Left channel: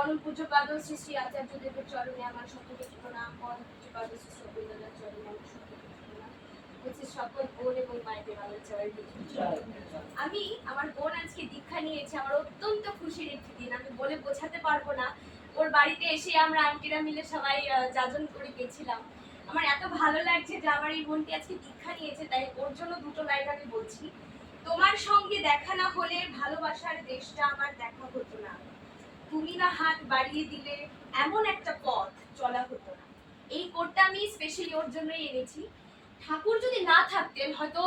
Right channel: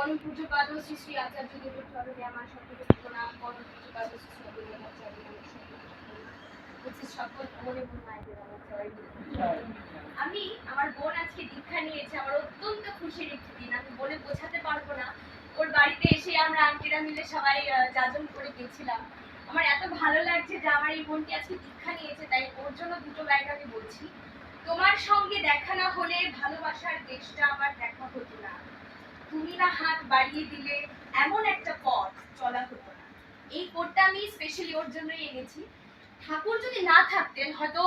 পরম পূজ্যপাদ শ্রী শ্রী আচার্যদেবের চরণে আমার শতকোটি প্রণাম। পরম পূজ্যপাদ শ্রী শ্রী অবনীন্দ্রনাথ চরণে আমার শতকোটি প্রণাম। হচ্ছে সকল বোন এবং মায়েদের আমার জয় গুরু। আমি আমার বোন আজকে দীক্ষা নিয়েছে, আমার অত্যন্ত খুশির একটি দিন, আমি বলে বোঝাতে পারবো না। ওর বাড়িতে এসে আমরা আন্টিরা মিলে সবাই যাজন করে গেছিলাম। আমার এত ভালো লাগছে যে আমার এই বোনটি আজকে দীক্ষা নিয়েছে, তাই ওর জন্য দুটো লাইন আমি বলছি। তোমার সঙ্গে দেখা না হলে ভালোবাসার দেশটা আমার দেখা হতো না, তুমি না হাত বাড়িয়ে দিলে এমন একটা পথ চলা হতো না। এই কোডটা আমি স্পেশালি ওর জন্যই এনেছি। ঠাকুর যদি না থাকতেন হয়তো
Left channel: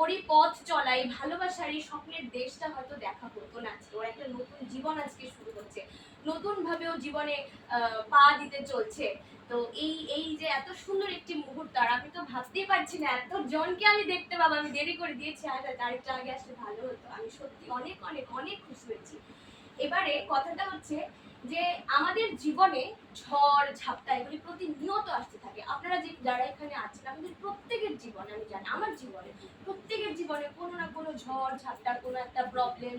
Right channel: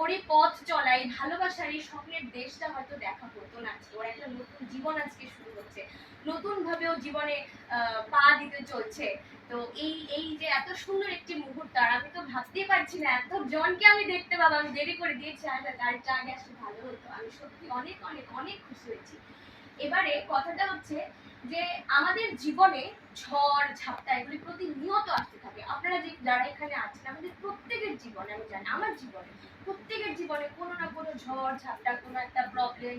ওর এই পথ চলা, এই ভালোবাসার এই স্বপ্নের দেশটা হয়তো দেখা হতো না। ওর একটা নতুন জীবন আজকে শুরু হচ্ছে, নতুন ভাবে ও জীবনে পা দিতে চলছে। তো এই এই যে এত সুন্দর একটি মুহূর্ত, আর আমি তো ভাবতেই পারছি না এত জনকে আমি দেখতে পাবো। আমি দেরি করে দিয়েছি, আরেকটা আগে আসলে ভালো হতো। আমি সত্যি অনেক অনেক অনেক খুশি হয়েছি। এবারে কথাটা হচ্ছে যে আমাদের জীবনে ঝড় ঝাপটা এগুলি প্রতিনিয়ত আসতে থাকে। আপনারা যে যারা এখানে আছেন, আমাদের প্রত্যেকের জীবনে, আমি জানি আমার জীবনে, প্রত্যেকের জীবনে কোনো না কোনো ঝড় ঝাপটা, কোনো একটা প্রবলেম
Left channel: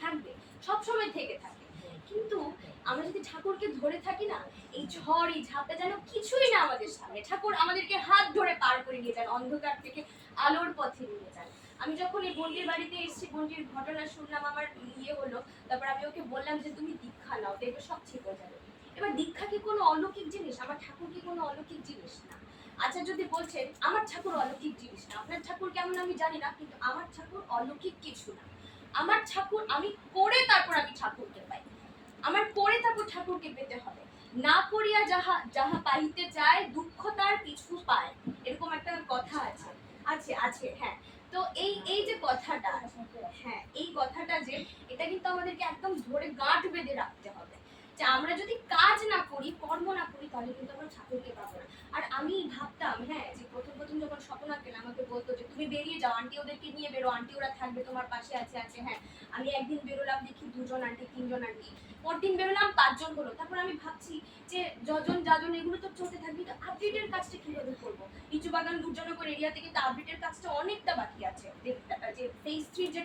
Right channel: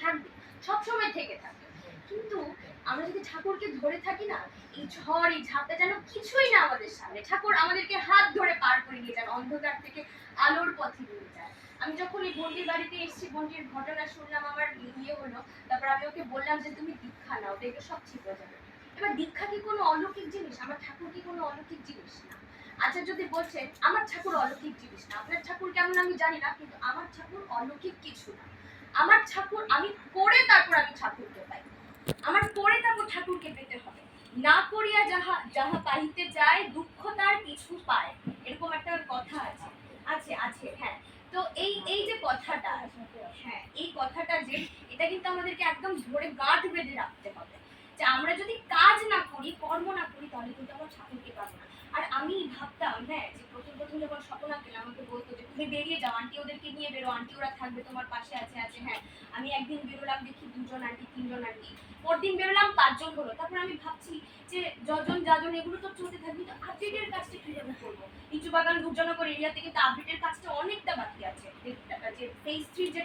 থাকবে, সবসময় থেকে থাকবে। কিন্তু আমরা যদি ঠাকুরকে ধরে থাকি না, এই ঝড় এই ঝাপটা যেন কিছুই না আমাদের সামনে। ঠাকুর আমাদেরকে হাত ধরে পার করে নিয়ে যান, অন্ধকার থেকে আলোর পথে নিয়ে যায়। আমি যখন এই বোনটির বাড়িতে এসেছি, বোনটির ঘটনা শুনলাম, আমার ইয়ে হলো। তারপর আমি ওকে বললাম যে তুমি দীক্ষা নাও, দেখবে সব ঠিক হয়ে যাবে। এবার দীক্ষা কি কোনো অলৌকিক জিনিস? আমার ঠাকুর কি কোনো অলৌকিক জিনিস না। আচ্ছা, যদি বলছেন আমার ঠাকুর অলৌকিক জিনিস না, আপনার ঠাকুর কেমন আমি জানি না, কিন্তু আমার ঠাকুর অলৌকিক কিছু না। আমার ঠাকুর আমি করে তারপর আমি ঠাকুরকে পাই। আমার করে তারপর ঠাকুরকে পেতে হবে। না করিয়া যাহা যাহা পাইতে চায়, দুঃখ তার কিছু পায়, এরকম একটা কথা আছে। আছে আছে হ্যাঁ। তো এই এই যে কথাটা, হ্যাঁ এই কথাটা যে, এটা কিন্তু আমাদেরকে একদম ধরে গাঁট বেঁধে রাখতে হবে যে আমরা যদি কাজ না করি, কর্ম না করি, তাহলে কিন্তু আমরা ঠাকুরকে পাবো না। আর আমি ভাবতাম, হ্যাঁ, যে প্রথম প্রথম যখন স্বপ্না পেলাম, আমাকে বলতো যে তুমি বেরিয়ে যাও, আন্টি ওদেরকে নিয়ে বেরো, আন্টি ওরা থাকবে তোমার পাশে আছে আছে হ্যাঁ। আমি একদিন বেরোলাম, দেখি 2জন আন্টি 3জন আন্টি, পরদিন বেরোলাম 5জন হলো। তারপর আমি ভাবছি যে যজন যাজন এগুলো তো চলতে থাকবে, তো আপডেটের কাজটা কিভাবে করবো? লিচু বাগান দুর্জনগর এরিয়াতে কিন্তু আপডেটের কাজটা অনেকটা বাকি আছে। যে ফেজ 3 যে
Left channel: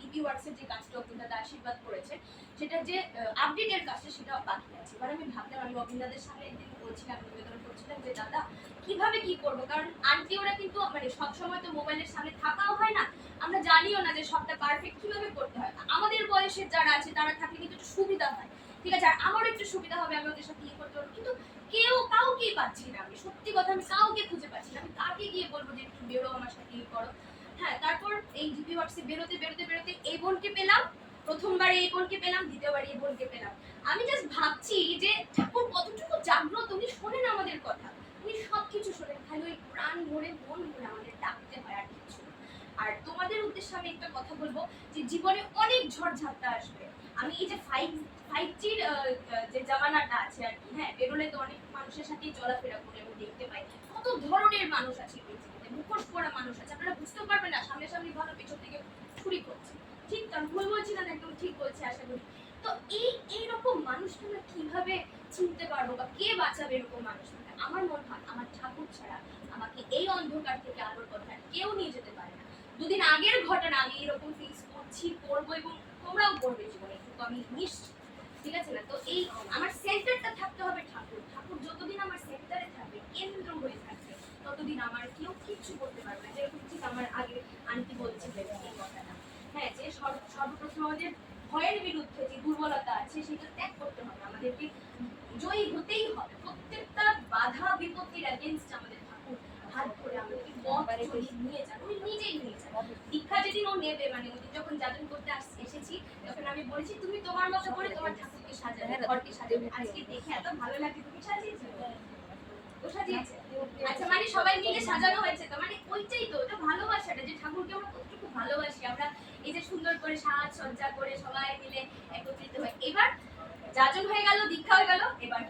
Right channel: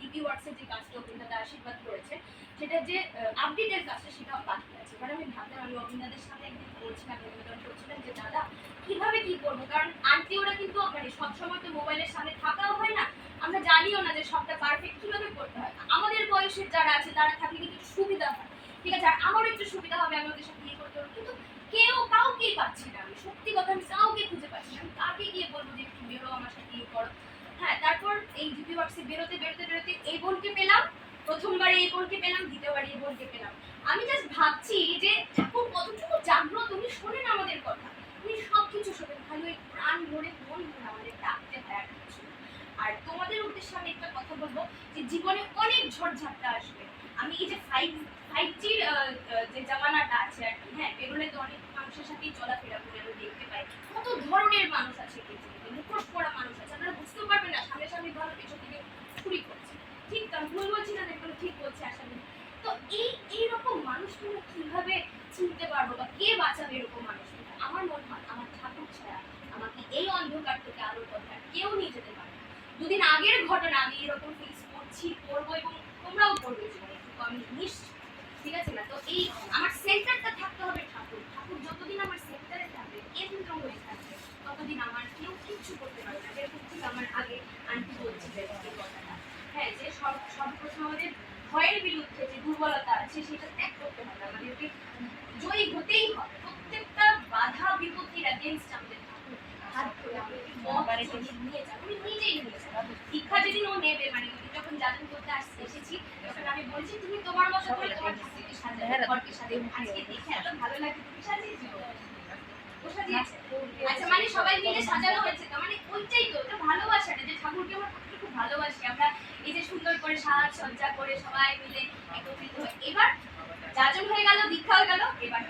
ডিপি ওয়ার্কসের যে কাজটা অভিনেতা আশীর্বাদ করেছে, সেটা যে আপডেটের কাজটা সেটা বাকি আছে। এবার আমি ভাবলাম, আমি অভিনেতাদের সামনে একদিন বলছিলাম, নিবেদন করছিলাম যে দাদা কিভাবে কি করবো, কারণ আন্টি ওরা কিন্তু মানে সবসময় তো মোবাইলের সামনে থাকাও হয় না, আমরা জানিও না যে সবটা পারফেক্ট কিভাবে করতে হয়। আমাদের বয়সের যারা আছে তারা থাকলে কিন্তু সুবিধা হয়, ঠিক আছে, আর আমারও একটু সুবিধা হবে, আমি ওদের সাথে ইয়ে করতে পারবো। কিন্তু কাউকেই পাচ্ছি না, আমি সত্যি কথা, আমি কাউকে খুঁজে পাচ্ছি না। আমি কাকে গিয়ে বলবো যে একটু বেরো আমার সাথে ইয়ে করো? হ্যাঁ, তারপর এই ডিপি ওয়ার্কসে বেরোতে বেরোতে বেরোতে এই বোনকে পেলাম। প্রথমবারে এই বোনকে পেলাম, দ্বিতীয়বারে এই বোনকে পেলাম। আমি জাস্ট ভাবছি যে ঠাকুর কতটুকু জাগ্রত, উনি শোনেন আমাদের কথা, উনি সবকিছু শোনেন, খালি ওই প্রাণ ভরে মন ভরে আমাদের ডাকতে হয়, আর কিছু। আর তোমাদের উদ্দেশ্যে আমি একটা কথা বলবো, যে জীবনে অনেক ঝড়ঝাপটা আসবে। আমি এই যে 5G যে জামানাটা আছে আর কি, হ্যাঁ, বেরোলে তো অনেক মানুষের সাথেই চলাফেরা করে আমি দেখতে পাই, কত ধরনের মানুষ আছে পৃথিবীতে, মুখোশ পরা মানুষ আছে, আপনারা বুঝতেও পারবেন না, সামনে সামনে ভাবে পেছন থেকে ছুরি করছে। ঠিক আমি ভুল বলছি না, একদম ঠিক বলছি আশা করি। তো এইরকম মানুষগুলো কিভাবে চিনতে পারবো, বা কে বাঁচাবে এরকম মানুষগুলো? আমার মনে হয় আমার ঠাকুর ছাড়া আমাকে এই অন্ধকার থেকে আলোর পথে কেউ নিয়ে যেতে পারে না। দুদিন আগের ঘটনা আমি এরকম ফেস করছি, করবো, এবং তোমরাও করবে জীবনে, আমি নিশ্চিত, ঠিক আছে না? তো এই আমার সেন্টারটা থাকতে হবে ঠাকুর। ঠাকুর যতদিন আমার সেন্টারে থাকবে, কেন্দ্র হয়ে থাকবে, ততদিন আমার কেউ কিচ্ছু করতে পারবে না। এরকম ঠিক আমার আগে আন্টি বলছিলেন এই কথাটা, হ্যাঁ, যে সর্বপ্রথম আমাদের ভয়ের বিরুদ্ধে যে দুর্বলতা আছে সেটা ত্যাগ করতে হবে, আমাদেরকে জয়ী হতেই হবে। প্রত্যেকটা বাধা বিপত্তির এগেইনস্ট আমাদের ঠাকুর হাত ধরে আমাদেরকে নিয়ে যাবে, উনি নিজেই নিয়ে যাবে। দীক্ষা যেদিন ও নেবে, মানে যখন যাজন করতে এসেছি, তখন আমি বলেছি তুমি তোমার মতো করে তোমার ঠাকুরকে সাজাবে, ঘরকে সাজাবে। আজকে দেখে এত ভালো লাগে, তুমি সাজিয়েছো? ও সাজিয়েছে? আচ্ছা, মানে সবাই মিলে সাজানো হয়েছে, তো মানে ওইটাই তো, ওটা ভালোবাসাটা, যে ঠাকুরকে আমরা কতটুকু ভালোবাসি। আমরা এই যে সুন্দর করে সাজ সজ্জা করে সবাই মিলে একত্রিত হয়ে, এবার যাজন হয়ে গেল, দীক্ষা হয়ে গেল, এবার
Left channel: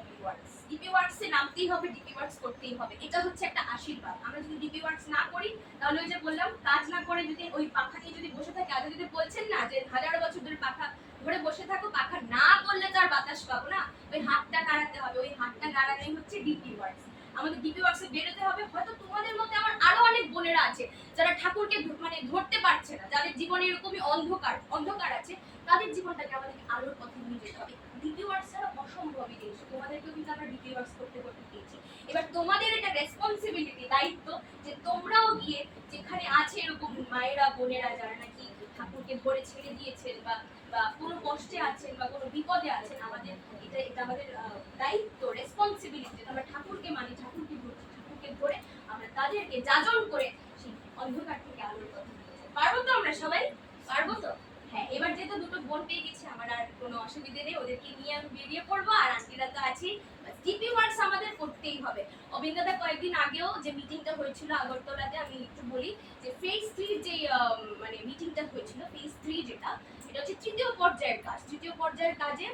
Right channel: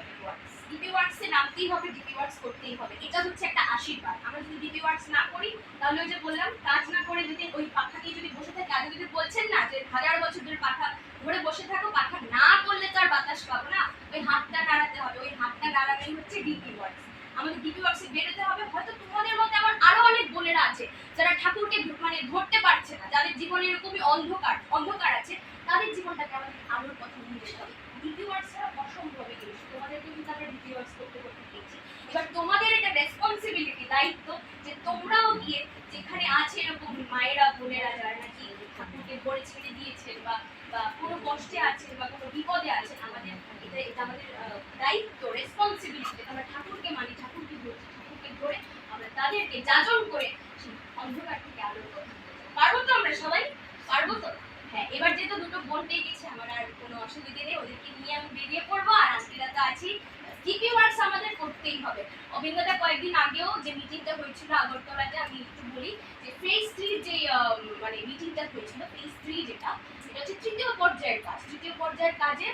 ডিপি ওয়ার্কসে নামতেই হবে, ডিপি ওয়ার্কস করতেই হবে। এটা হচ্ছে একটা আশীর্বাদ। আমরা যদি ডিপি ওয়ার্কস না করি, তাহলে ওই যে বললাম, কাজ না করে যদি ওই পাখা নিয়ে যদি বসে থাকি, আগে যদি বলছেন না যে 1000 বছর ধরে পাখা ধরে বসে থাকো, পাখা না করলে তো আর বাতাস পাবো না, ওই হাতটা নাড়াতে হবে, ওই হাতটা নাড়ানোই হচ্ছে ডিপি ওয়ার্কস। আমাদের ডিপি ওয়ার্কসে বেরোতে হবে। হয়তো তোমাদের মধ্যে আমার আরো অনেক বোনেরা আছে যারা ঠাকুরকে মানে ধরতে পারছে না, যাদের জীবনে এরকমই অন্ধকার আছে, তাদের জীবনটাকে আমাদের আলোর পথে নিয়ে যেতে হবে। ডিপি ওয়ার্কস ছাড়া তোমাদের এটা রেসপন্সিবিলিটি, দায়িত্ব, যে তোমরাও গিয়ে যেখানে আছে এরকম মায়েরা বোনেরা যারা নাকি ঠাকুরকে ধরে ছেড়ে দিয়েছেন বা বা কোনো কষ্টে আছেন বা কোনো বিপদে আছেন, আমাদের এটা আমাদের দায়িত্ব, রেসপন্সিবিলিটি। আমরা ঠাকুরকে মানি, ঠাকুরকে ধরছি, ঠাকুরকে ধরে আমরা তাদেরকে যাজন করে সেই অন্ধকার থেকে আলোর কথা বলতে পারবো। তো আমরা সবাই পারবো তো? হ্যাঁ, এবার যেহেতু দুটো বোন পেয়ে গেছি, আমার আর কোনো অসুবিধে নেই, ওদেরকে নিয়ে আমি বেরিয়ে পড়বো। আর আন্টিরা তো আছি, জিপি ওয়ার্কস আমাদের করতেই হবে। অভিজ্ঞতা কয়েকদিন আগেও যে মিটিংটা হয়েছিল আগরতলাতে, আমি একটু বলি যে ফেজ 3 যে মানে মিটিংটা হয়েছিল, ফেজ 3 যেটা, এটা হচ্ছে তৃতীয় পর্যায়ের কাজ। তৃতীয় পর্যায়ের কাজে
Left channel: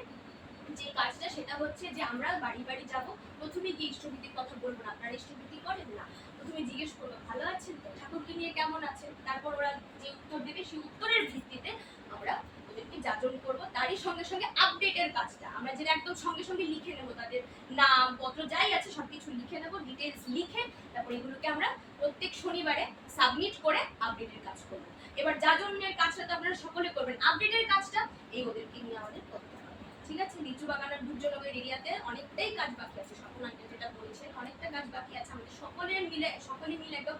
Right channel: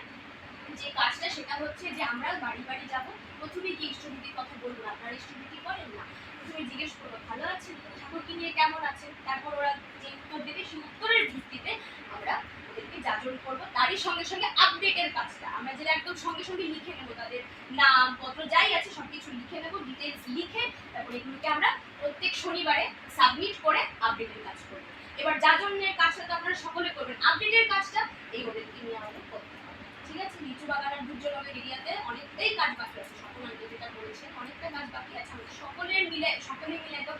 যে কাজটা সেটা হচ্ছে যে আমরা বাড়ি বাড়ি যাব। প্রথমে গিয়ে ইষ্টভীতির কথা বলবো না, আপনারা ইষ্টভীতি করেন না, প্রথমে জিজ্ঞেস করবো ভালো আছেন তো, ঠাকুরকে নিয়ে কেমন আছেন, তারপর ওরা যে উত্তর দেবে সেই উত্তরের ভিত্তিতে আমরা ওদেরকে যাজন করবো। তারই সঙ্গে সঙ্গে আপডেটের কাজটা আমরা যেটা একদম সঙ্গে সঙ্গে লিখে নেবো, তাদের নাম পত্র যাই আছে সবকিছু লিখে নেবো, ডিটেলস লিখে তারপর এগুলোকে আমরা প্রত্যেক শনিবারে সাবমিট করে আপডেটের কাজ করবো। এবার যাজনের কাজটা তো আপনারা সকলে করবেন, আপডেটের কাজটা এই ওদেরকে নিয়ে আমাদের করতে হবে। ঠিক আছে, লিচু বাগান আর দুর্যোগের এরিয়াতে অনেকটাই কাজ বাকি আছে, স্বপ্নান্ত যেটা বলেছে অনেকটা কাজ বাকি আছে, আমাদের সকলে মিলে তো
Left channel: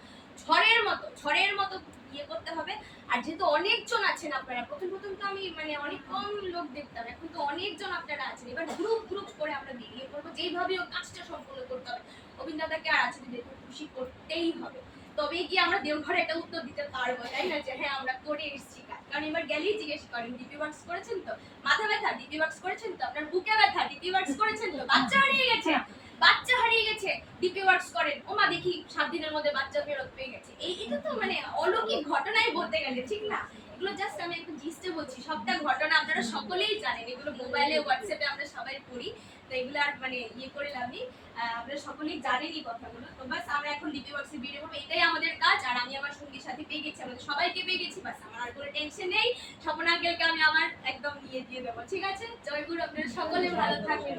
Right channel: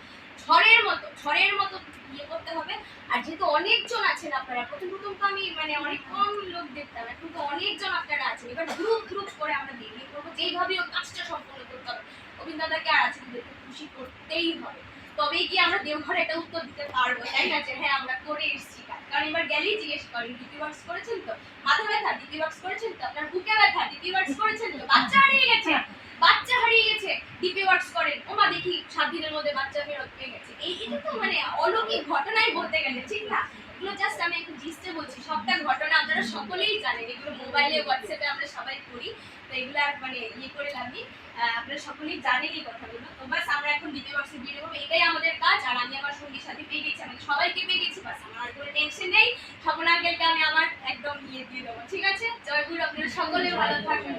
ঝড়ের মতো ইয়ে করতে হবে। আর যেহেতু অনেকজন আছেন আপনারা, প্রথম তো আমি মানে অনেক কম লোক দেখতাম, এখন তো অনেকজন আপনারা আছেন, এবার গ্রুপ করে আমরা বেরিয়ে পড়বো, যেইভাবে কাজটা সম্পন্ন করতে হবে। অভিজ্ঞতাকে আর আছে খুশি করতেই হবে, তবেই কি আমরা দেওঘরে একটা উত্তর দিতে পারবো, তাই না, যে হ্যাঁ আমরা করে এসেছি কাজ। কারণ এবার গেলেই জিজ্ঞেস করেন ডিপি ওয়ার্কস করেছেন তো, মাথা ব্যথা ডিপি ওয়ার্কস করেছেন তো, আপনার বুকে ব্যথা ডিপি ওয়ার্কস করেছেন তো, বাচ্চা হারিয়ে গেছে ডিপি ওয়ার্কস করেন, ওমা দেখি 7 দিনের মধ্যে বাচ্চা ফেরত পেয়ে গেছে। এটা তো মানে অলৌকিক ঘটনাই বলতে গেলে, ঠিক না? এগুলো জাস্ট আমি একটু জিস্টে বলছি, সবটা ঘটনা আপনারা সকলেই জানেন, এগুলো মোবাইলে হোয়াটসঅ্যাপে আমরা সবাই করি, তো এগুলো আর মানে ইয়ে করে লাভই, আপনারা সকলেই জানেন এই কথাগুলো। তো বাস আমরা এখন ডিপি ওয়ার্কসে বেরিয়ে পড়বো, এটাই আমাদের কাজ। আর আমি আমার সঙ্গীর সাথে পেয়ে গেছি, আমাদের সবাইকে পেয়ে গেছি, বাস আমার আর কোনো টেনশন নেই। স্বপন আঙ্কেলকে আমি আমার একদম ইয়ে দিয়ে দেবো, ঠিক আছে? জয়গুরু, আপনারা সকলে ভালো থাকবেন।